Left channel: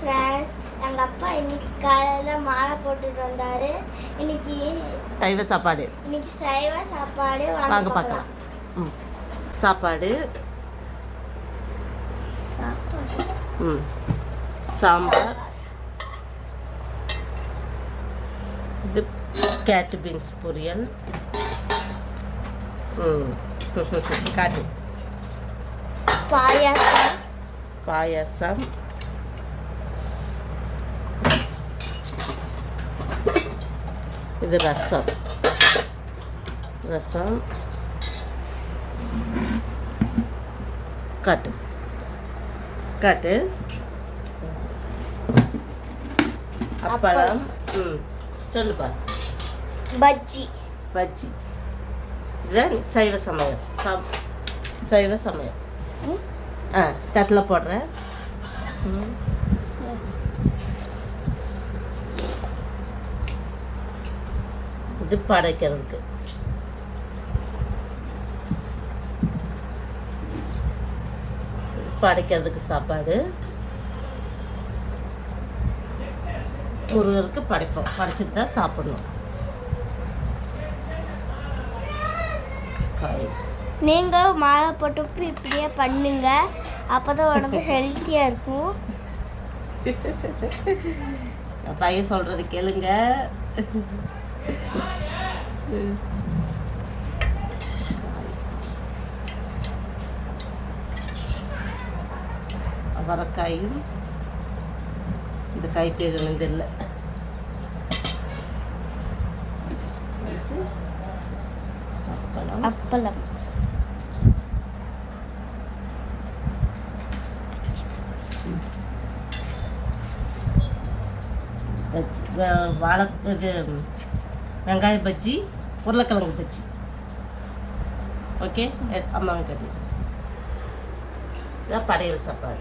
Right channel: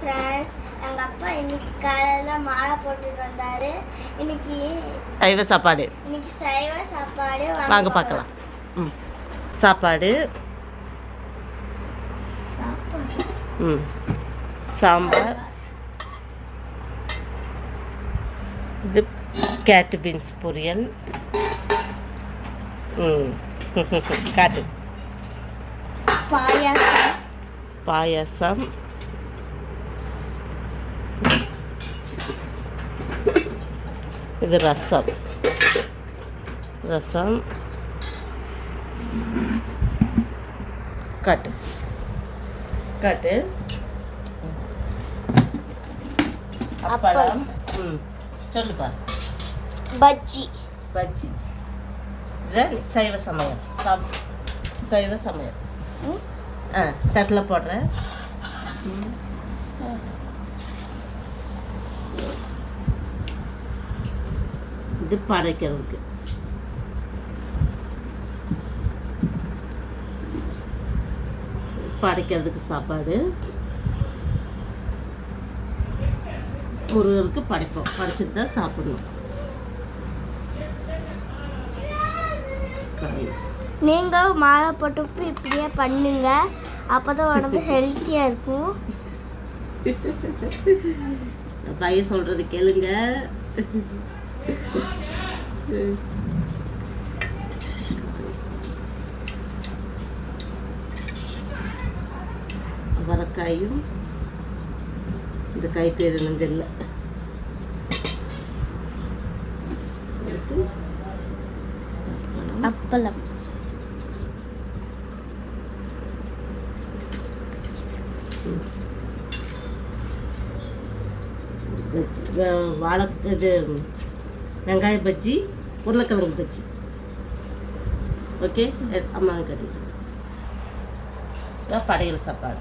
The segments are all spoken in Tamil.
ஃப்ரெண்ட்ஸ் எங்கள் அப்பா இன்னைக்கு காலையில் மாலை போட்டுட்டு வந்தாரு. இன்னைக்கு சைவ சாப்பாடு. இன்னைக்கு சைவ சாப்பாடு. வாங்க பார்க்கலாம். ம். சாப்பாடு. ம். சாம்பார். இது கேட்டு பீன்ஸ் பொரியல். ம். காட்டு. பாயாசம். பாயாசம். இது ரசம். ரசம். காட்டு. காட்டு. அப்பளம். ம். சொல்லுப்பா. பஜ்ஜி. பஜ்ஜி. இதுதான் சைவ சமையல். சாப் சைவ சமையல். ஆ தட்டில் போடுறேன். இது படைக்கிறதுக்கு. படைக்கிறதுக்கு சாப்பாடு. முருகருக்கு படைப்போம். படைச்சிட்டு தான் சாப்பிடணும். காய். நீங்கள் மாலை போட்டப்போ இப்படியே பண்ணுங்க. அப்போ தான் உடம்பு ஹெல்த்தியாக இருக்கும். பையன் சொல்றது கேளுங்க. அவரைக்காயும் இந்த காய் பேர் என்னது இல்லை. அப்பளம். வாழை இது வெங்காய பஜ்ஜி உருளைக்கிழங்கு பஜ்ஜி. ஓகே அம்மாங்க கேட்டுக்கிட்டு படையல் சாப்பாடு.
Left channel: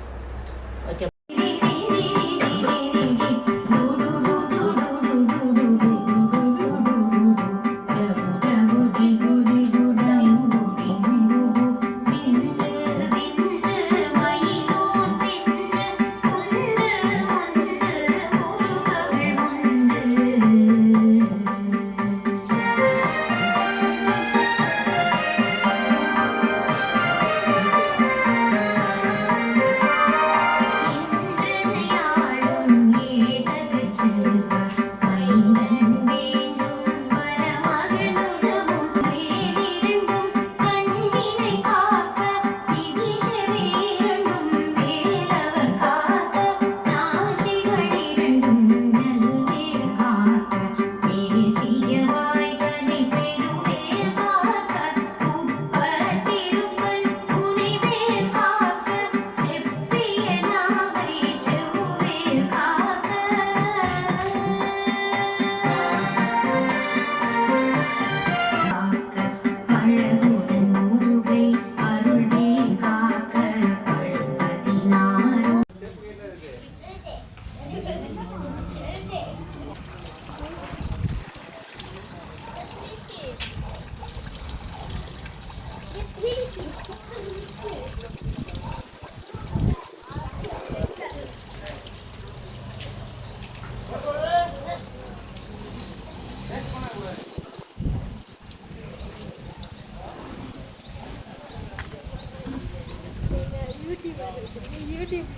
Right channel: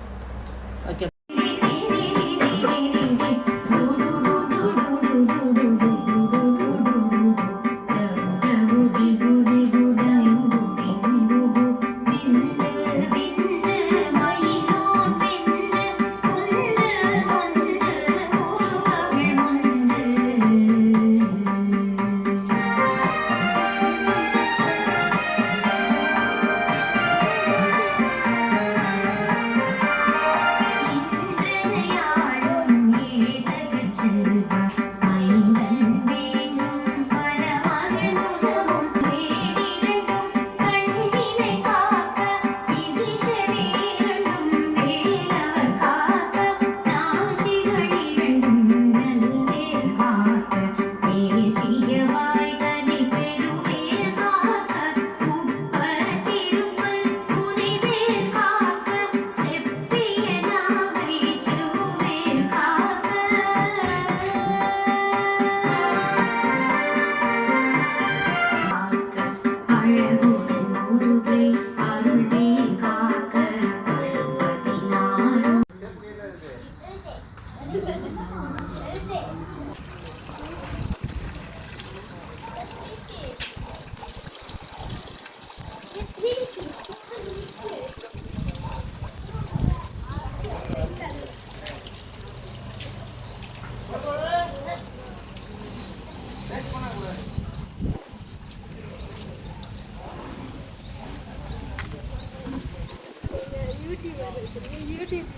யூடியூப்.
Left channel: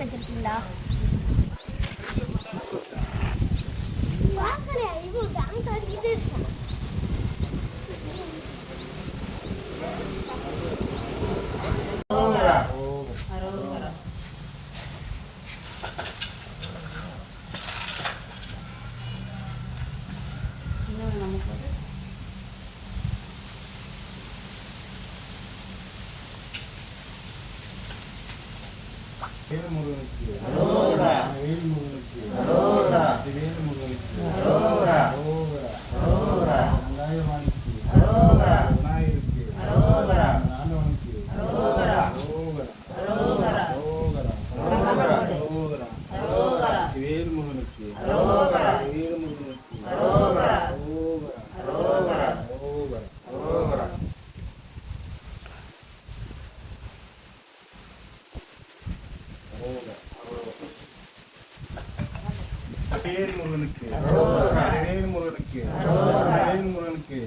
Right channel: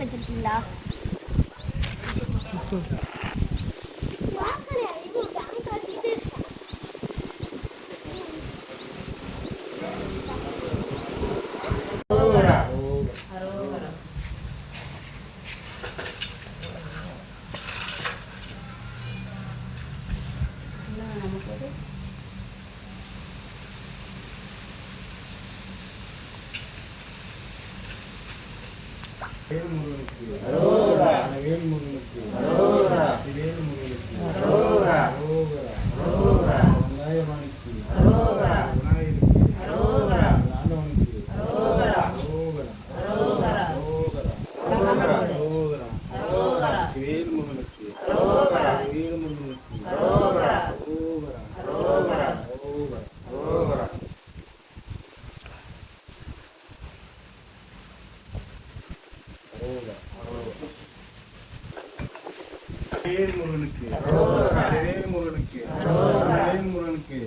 வச்சிருக்கீங்களா? வேல்முகனுக்கு வேல்முகனுக்கு வேல் முருகனுக்கு வேல் முருகனுக்கு